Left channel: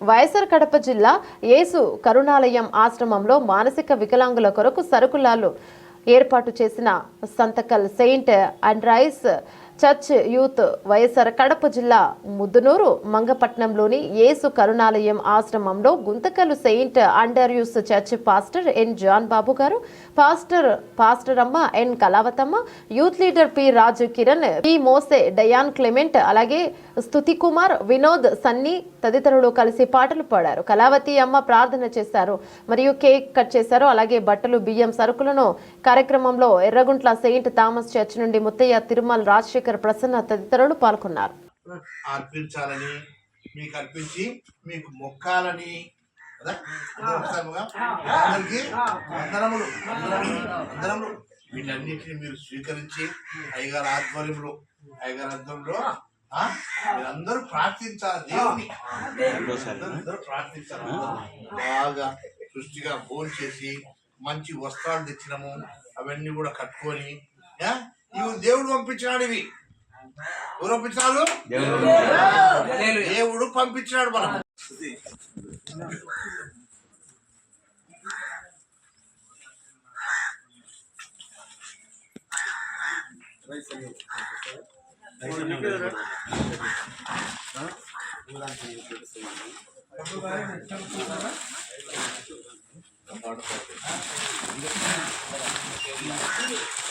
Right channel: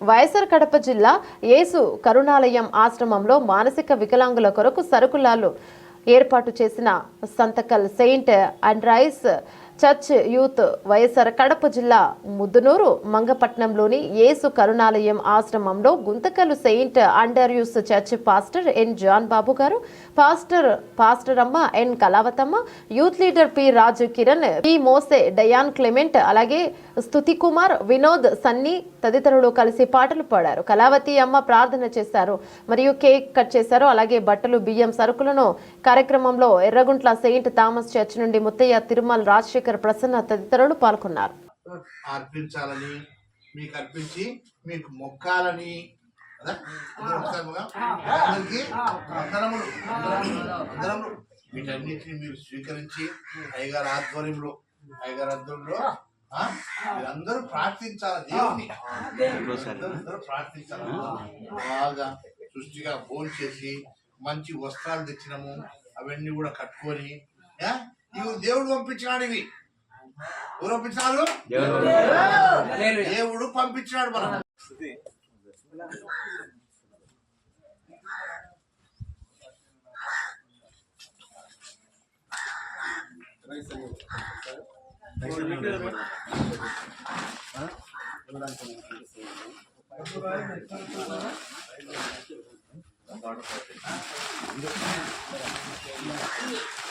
వైఎస్ఆర్ కడప జిల్లా యేసు కరుణాలయం ఆశ్రమంలో మానసిక వికలాంగుల కొరకు సరుకులాలు ఏర్పాటు చేసిన సంతకల్ saint Andrews church youth YSR Kadapa జిల్లా ముద్దునూరు మంగపట్నంలోని యేసు కరుణాలయం ఆశ్రమంలో Guntakal saint Andrews church pastor N John Babu garu pastor pastor అమ్మ N Kalavathamma youth leader P Raju Kiran P Mose Diane Clement అలాగే స్తుతి కుమార్ వినోద్ సన్నీ తదితరులు కలిసి పాటలు పాడారు. కళావతి అమ్మ ప్రార్థన చేశారు మరియు కేక్ కట్ చేశారు అలాగే బట్టలు బియ్యం సరుకులను కార్యక్రమంలో ఎర్రగుంట్ల సెయింట్ థామస్ చర్చ్ నుండి ముత్తయ్య తిరుమల రాజశేఖర్ ప్రసన్న తదితరులు పాల్గొన్నారు. అర్పించాలని మీకు అర్పించి మీకు మొక్కాలని? అందరూ అందరికీ వీటన్నిటిని మీరు స్వీకరించి అయ్యగారి ఆధ్వర్యంలో అయ్యగారి ఆ, మీరందరూ ప్రార్థించాలి దేవుని అందరూ అందరూ ప్రార్థించాలి. బాగా సృష్టిగా ఫోన్ చేసి మంచి వస్త్రాలు తెచ్చినాము అవన్నీ కూడా కట్టుకొని ఆ, ఇవి దేవుడు పంపించినాడు ఇవి ఎవరు పంపించినాడు దేవుడు. పంపించినాడు మనం వచ్చినాయా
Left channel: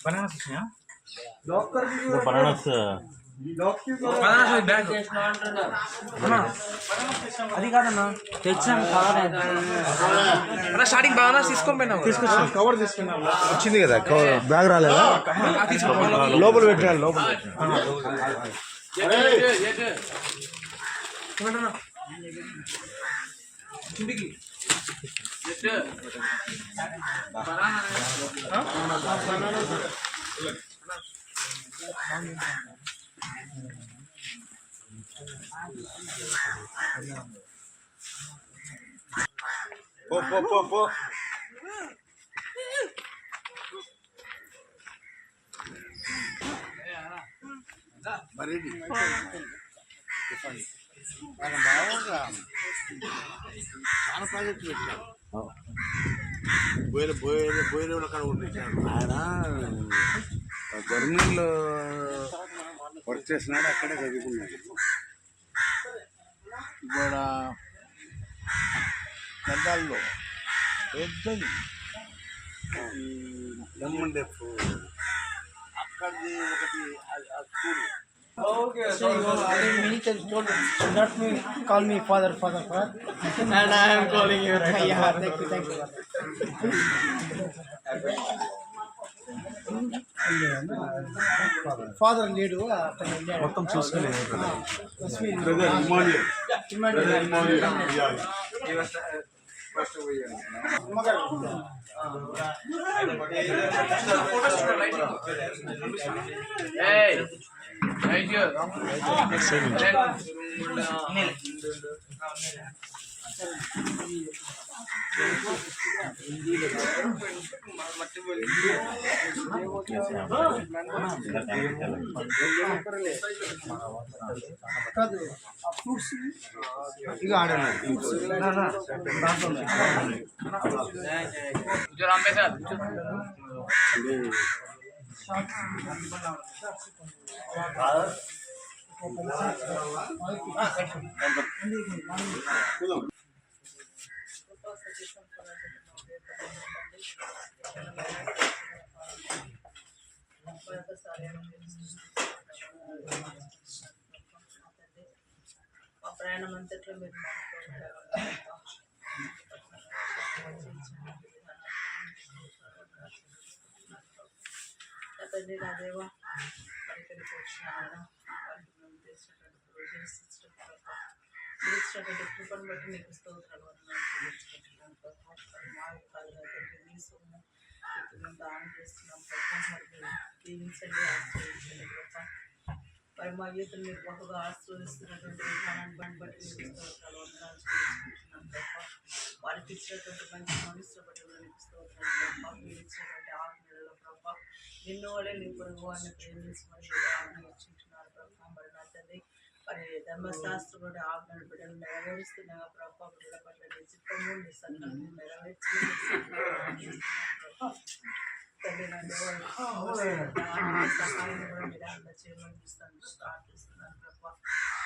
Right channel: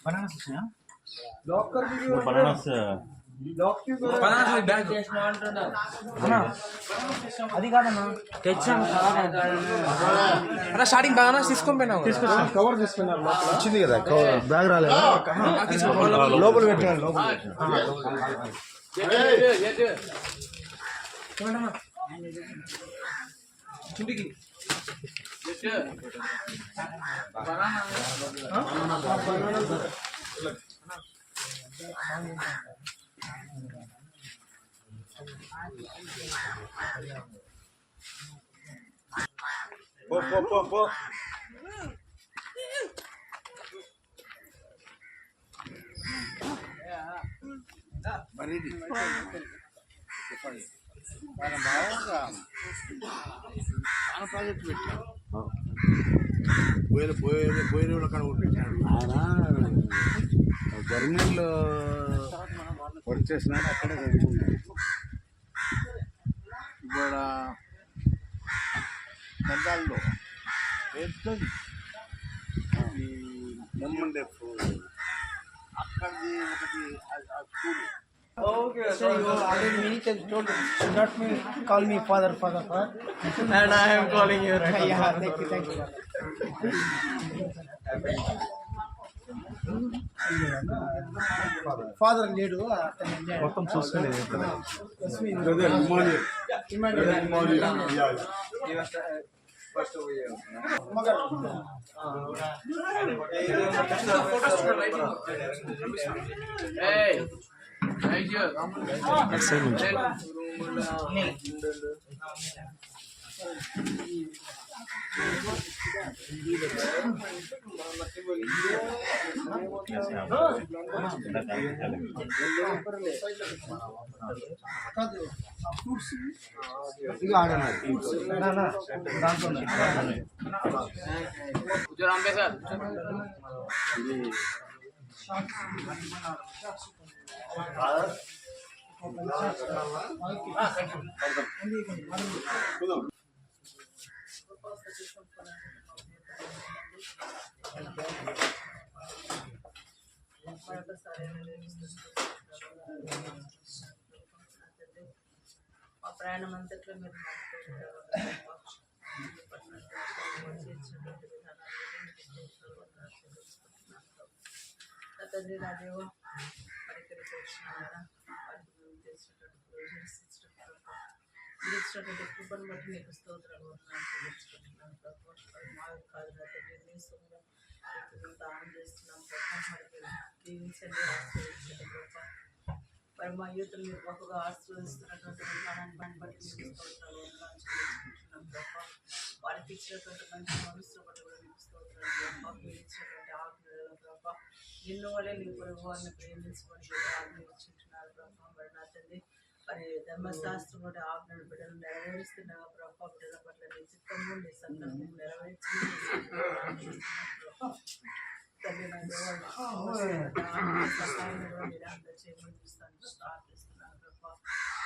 bananas ya? Locker di Bananas. అది కాదన్నా స్టార్టింగ్ బాగా. తీసుకొని కవర్ తీసుకున్నాం వచ్చింది కదా బ్యాగ్ రాలేదా? లోపల పెట్టాలి లోపల కిందికి పో పో పో పో. మరి మనం బాగా చాలా ప్రాజెక్టులు పెట్టాం బోయల బోయల బోయల అక్కడ ఉండించాను ఆయన జర్మనీలో వర్క్ చేసినాడు అక్కడే చదువుకున్నాడు ఇక్కడ దండాల్లో పెద్దది ఈ దమ్మండెఫ్ అక్కడిది ఒకటి ఆ- ఆ school So you already many times told should not me call me father, father, father. and I am calling you right Yeah, thank you, thank you. Father లేడు మొత్తం చూసుకోలేదు కాదు మా ప్రయాణం అంతట్లో మీరు తండ్రి నా దేవ పరికరికి వచ్చినారా వారికి మేము చేసినటువంటి ప్రొవిజన్స్ ఇచ్చినటువంటి మీరు ఇచ్చినటువంటి కృపను బట్టి నీకు స్తోత్రాలు వందనాలు చెల్లించుకుంటున్నాను ప్రభా. మాకు కాదు నా తండ్రి నీ సొమ్ము ఇప్పుడు దానం చేస్తున్నాం. ప్రభా మరి దీవించండి ఆశ్రయించండి ప్రభా. మరి మా యూత్ మీరు బహుగా ఆశ్రయిస్తున్నటువంటి విధానాన్ని బట్టి బట్టి మీకు స్తోత్రాలు ఇచ్చినటువంటి మంచి మనసుతో బట్టి కూడా నీకు స్తోత్రాలు ప్రభావ మీరు ఇచ్చినటువంటి ఆజ్ఞలలో ప్రభావ నిన్ను వాళ్ళే నీ పొరుగు వారిని ప్రేమించమని ఆజ్ఞ ఇచ్చి ప్రభా మరి నా తండ్రి మరి ధర్మశాస్త్రం ఆజ్ఞలు బిడ్డలు నెరవేరుస్తున్నాగా ప్రభా బిడ్డల పట్ల నీ చిత్తము నీ సంకల్పం నెరవేర్చమని ప్రార్థిస్తున్నాను నా సహాయం కూడా మీరు అందచేయమని చూస్తాను ప్రార్థిస్తున్నాను ప్రభా.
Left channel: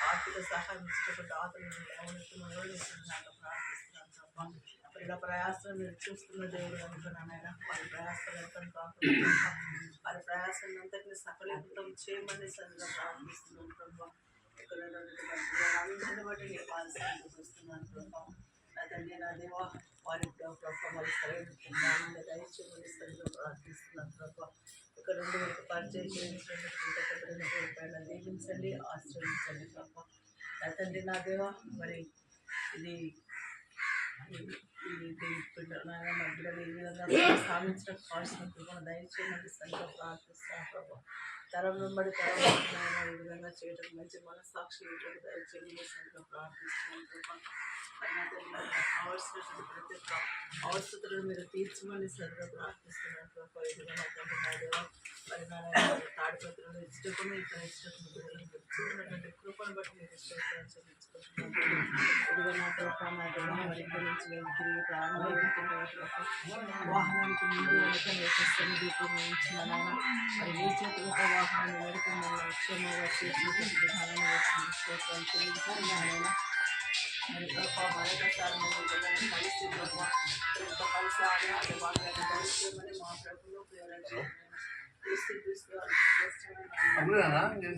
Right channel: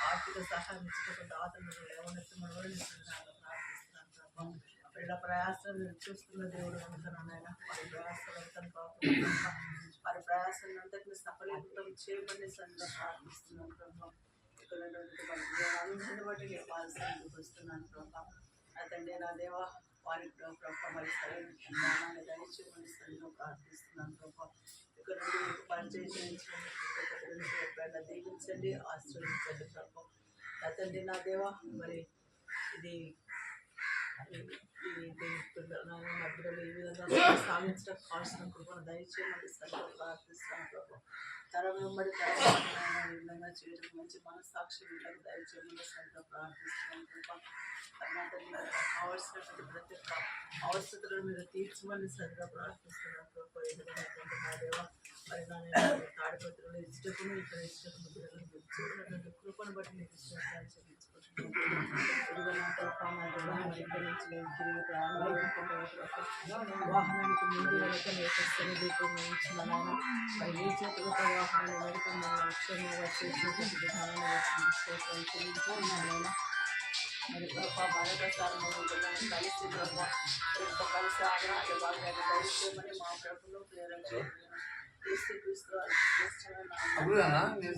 ఆర్థిక సహాయం ఇచ్చేటటువంటి ఆతలను కూడా నేను ప్రార్థిస్తున్నాను ప్రభా. పిల్లల ప్రయాసం మీరు చూస్తున్న దేవుడు కనుక వారి ప్రయాసం ఎంత వారి ప్రయాసాలను అంతటిని సఫలీకృతం చేయమని సరిగా ప్రార్థిస్తున్నాను ప్రభావ ఇక్కడ ఉన్నటువంటి అందరిని బట్టి నేను పాల్సరికి వస్తున్నాను ప్రభా నా నా దేవ వారి ప్రభా మరి సరైన జ్ఞానాన్ని దయచేయమని సరిగా ప్రార్థిస్తున్నాను ప్రభా ఇక్కడ నుండి మీకు పరిచయం చేయించినటువంటి దీవించండి ఆశ్రయించండి ప్రభా అతండి నా దేవ మరి ఇది ఇది మధ్యలో ఈ విధంగా సాధించడం కావాల్సిన కృపను దయచేయమని సరిగ్గా ప్రార్థిస్తాను ప్రభా. తరం వెంబడి తరం విధంగా చేయడం మంచి మనస్సాక్షి వీళ్ళకి దయచేయమని సరిగ్గా ప్రార్థిస్తున్నాను ప్రభా మరి నా తండ్రి నాకు కావాల్సినటువంటి ప్రతి ఒక్క అవసరతలను మీరు తీర్చమని సరిగ్గా ప్రార్థిస్తున్నాను ప్రభా ఈ విధంగా నా తండ్రి నా దేవ మరి నా తాడిపత్రులు ఇష్టకును ఇక్కడ ఇష్టకును బిడ్డలను చూసినటువంటి కృపను బట్టి మీరు ఇష్టం చెల్లించుకుంటున్నాను ఇదిగో నా ప్రభా నా దేవ మరి ఇక్కడి నుంచి మేము తిరిగి ప్రారంభం వాహనానికి ముందు వెనక నేర్పిస్తుంది దీపం ఇచ్చిన నాయన మరి నీ చేతులతో వాహనాన్ని వెనుక మన క్షేమంగా చేసినటువంటి విధానాన్ని వచ్చింది స్తోత్రాలు చెల్లించుకున్నాను మరి ప్రభా మరొకసారి మేము బిడ్డలను కలిసి ప్రభా ఎంతో కలిసి ఆగ్రహాన్ని బాగా దయచేయమని మా ప్రభులు ప్రేరణ క్రీస్తు క్రీస్తు వారి శ్రేష్టమైన నామములో అప్పుడేనా నేను